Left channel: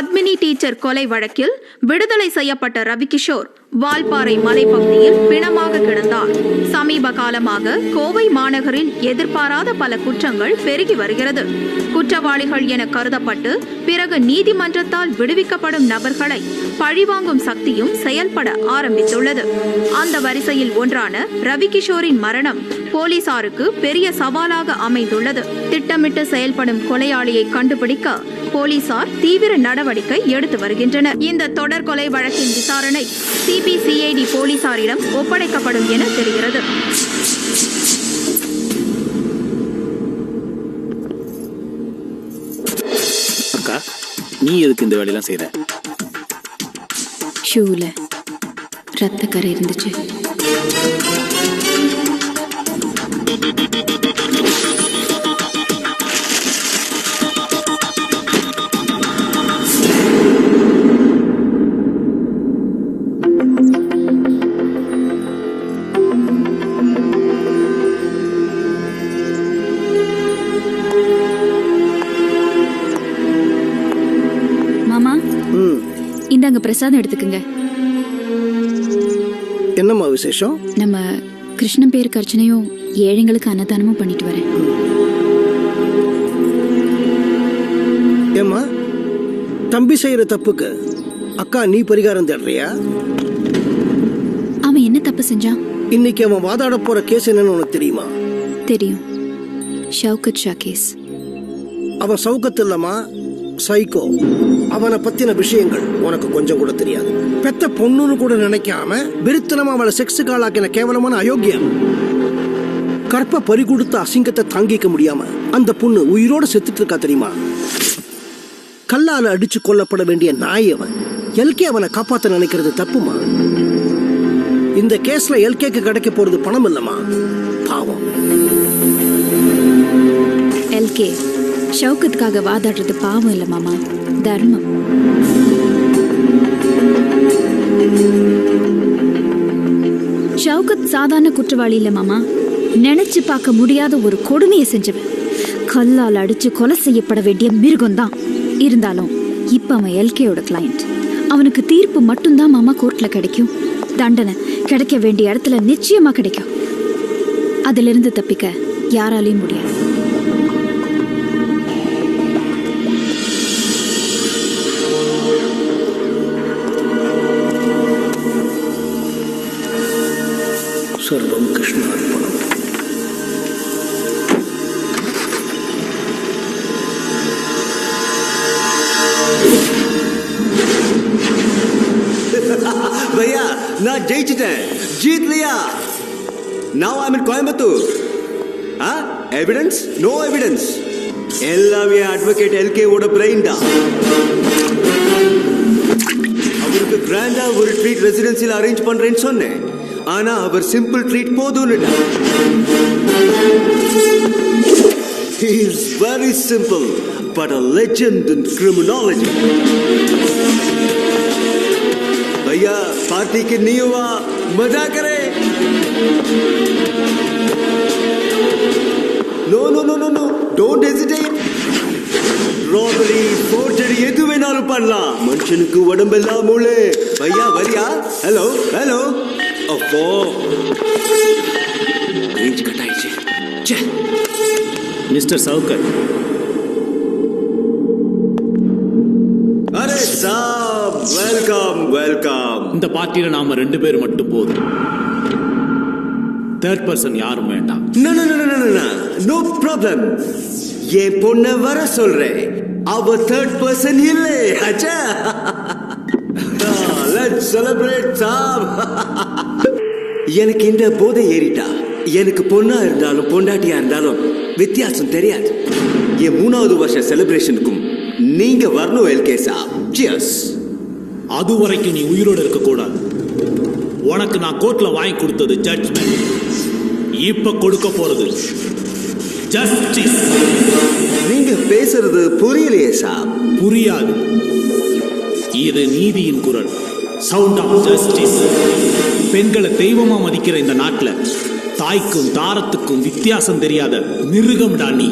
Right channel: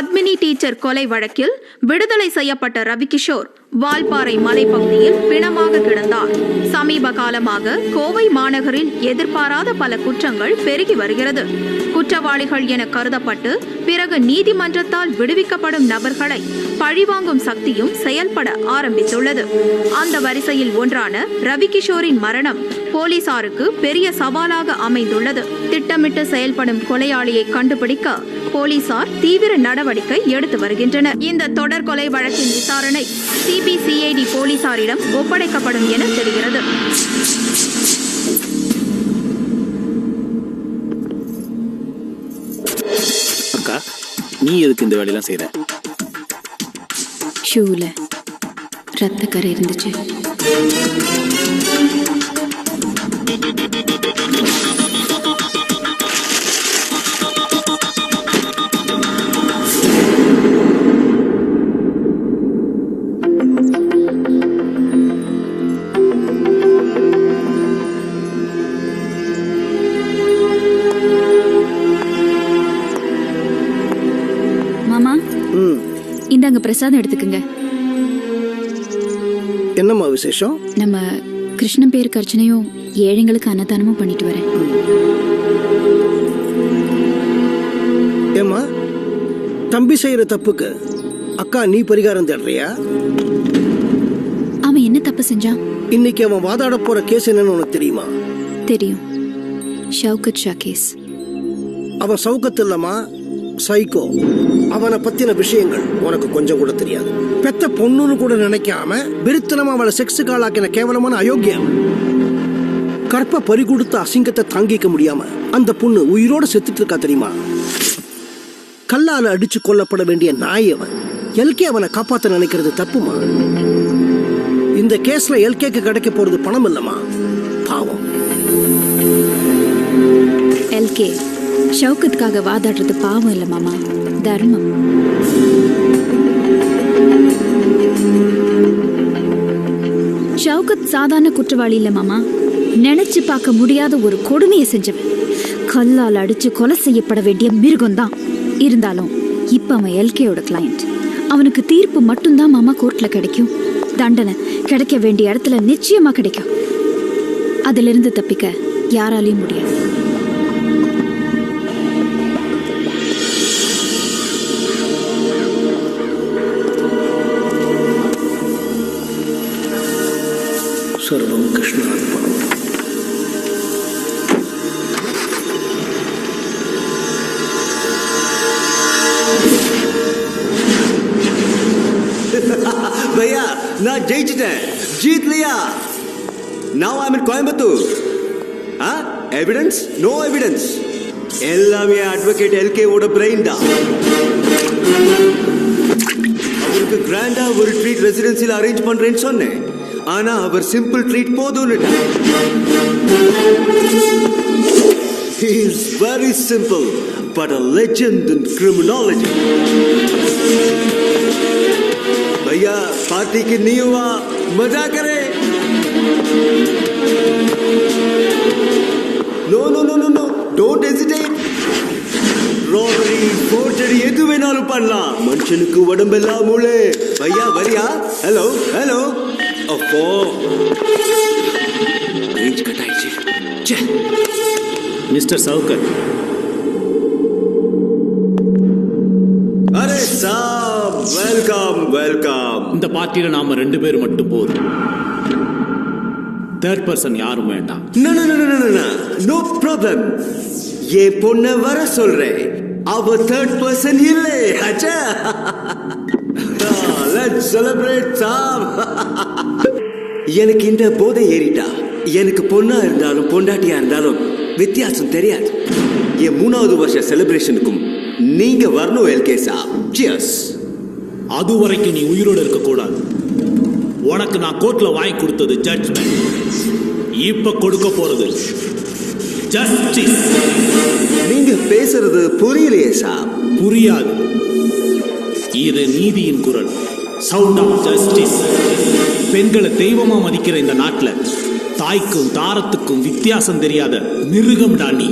Padmini teacher கொலை வழக்கில் விடுதலை செய்யப்பட்ட ரவிகிஷோர் வால்பாறை மலைப்பகுதியில் பிணமாக கிடந்தார். சமீப காலமாக கோவை மாநகரில் எதிர்பாராத பல குற்றங்கள் பெருகி வருகிறது. குற்றவாளிகள் என கருதப்பட்டு பிறகு நீதிமன்றத்தால் விடுவிக்கப்படும் நபர்களை பழிவாங்கும் சக்தியும் செயல்பட ஆரம்பித்துள்ளது. அந்த வரிசையில் ஒன்றான ரவிகிஷோரின் மரணம் போலீசாருக்கு பெரிய சவாலாக அமைந்துள்ளது. திட்டமிட்டு செயல்படும் கொலையாளியை கண்டுபிடிக்க போலீசார் தீவிர நடவடிக்கை எடுத்து வருகின்றனர். இந்த தொடர் கொலை வழக்கின் விசாரணை சிபிசிஐடி போலீசாரிடம் ஒப்படைக்கப்படும் என தெரிகிறது. அக்கா, நீ எதுக்கு இந்த வேலையெல்லாம் செய்யற? ஷூல ரத்த கரை இருந்துச்சு. மாமா, இந்தாங்க பிரசாதம் எடுத்துக்குங்க. என்னம்மா விசேஷம்? நம்ம கிருஷ்ணன் பேருக்கு அர்ச்சனையும் ஏழைங்களுக்கு அன்னதானமும் பண்ணிட்டு வரேன். ஏம்மா, தம்பி செய்யற தப்புக்கு அக்கா நீ பரிகாரம் தேடுறியா? அவன் என்ன தப்பு செஞ்சான்? இன்னைக்கு அவன் வாதாட போற கேஸ் என்னன்னு உனக்கு தெரியுமா? தெரியும், ஷவுகத் ஷா கேஸ். அவன் சவுக்கத்து இல்லம்மா, சைக்கோ. அவனை பத்தின விஷயங்கள் உனக்கு கொஞ்சம் கூட தெரியாது. பெத்த பொண்ணுன்னு கூட நினைக்காம விருத்தனமா அவளை செக்ஸுக்கு ஆளாக்கின கேவலமான அயோக்கியம். கற்ப பறி கொடுத்த அசிங்கத்தை தாங்கிக்க முடியாம அந்த பொண்ணு உயிரோட செத்துட்டு இருக்கா தெரியுமா? கல்லால அடிச்சு கொல்லப்பட வேண்டிய நாய் அவன். எல்கே அவனை காப்பாத்த நினைக்கிறது தப்புமா? இந்த கேஸ்ல எல்கேக்கு கிடைக்க போறது பணம் இல்லமா, பாவம். எல்கே ஷவுகத்துக்காக வாதாடுறது பாவம் இல்ல மாமா, தர்மம். ஷவுகத் சாதாரண குற்றவாளி இல்ல மாமா, நினைச்சு பார்க்க முடியாத ஒரு கொடுமையை செஞ்சவன். கல்லால் அடிச்சு கொலை செய்யப்பட வேண்டிய மிருகம் தான். இருந்தாலும் இப்ப அவன் எல்கேயோட கிளையண்ட். அவனுக்கு தீர்ப்பு மட்டும்தான் மாமா கோர்ட்ல கிடைக்கும். தண்டனை கிடைக்க வேண்டிய இடத்துல நிச்சயமா கிடைக்கும். அதிலிருந்து தப்பிக்க யாராலையும் முடியாது. சர்வம் கிருஷ்ணார்ப்பணம். भैया ना ஜெயிச்சிட்டேன், जीत लिया. Now I'm in Coimbatore. Evidence? No evidence. எல்லாமே அட்வொகேட் எல்கே ஓட பிரெயின் தான். அவருக்கு கிராண்டா ஒரு ட்ரீட் ரெசிடென்சியில் அரேஞ்ச் பண்றேன்னு சொன்னேன். ஆனா அவர் சிம்பிள் ட்ரீட் போதும்னுட்டா. He is very simple but a legend in criminology. भैया पार्टी की नहीं हुआ, मजा करे. No no no no no, don't hesitate. Robbery, forgery எது வேணாலும் பண்ணலாம். மனுஷனுக்கு உடம்பெல்லாம் மூளை. भैया வரியா? Hello hello. அப்போ ரேஞ்ச் கட் ஆயிடுச்சு. மிஸ்டர் சவுகத். அரே சாப், வெல்கம் வெல்கம். இந்த பார்ட்டியில நாம 2 பேர் மட்டும் போதும். தேர்ட் பர்சன் யாரும் வேண்டாம். No no no no no, no problem. ஏன் பொண்ண வர சொல்றேன். அவ தேர்ட் பர்சன் இல்லை. அச்சா, லெட்ஸ் செலிப்ரேட் சாப். எனக்கு இந்த போதை ஏறிட்டா. எனக்கு பொண்ணா இருந்தாலும் பொண்டாட்டியா இருந்தாலும் வித்தியாசம் தெரியாது. என் 3வது வருஷ செலிப்ரேஷனுக்கும் நீங்க வரணும் எல்கே சாப். சியர்ஸ். அது வரைக்கும் நீ உயிரோட இருக்க கூடாது. உனக்கு நான் கோர்ட்ல வாங்கி கொடுத்தது ஜட்ஜ்மெண்ட். இப்ப கொடுக்க போறது ஜஸ்டிஸ். நீங்க பேசுறது புரியலையே சாப். புரியாது. இது நீதியின் குரல். Sound of justice. பெண்களை தெய்வமா மதிக்கிற இந்த நாட்டுல தாய்க்கும் தாரத்துக்கும் வித்தியாசம் தெரியாத மிருகம்டா நீ.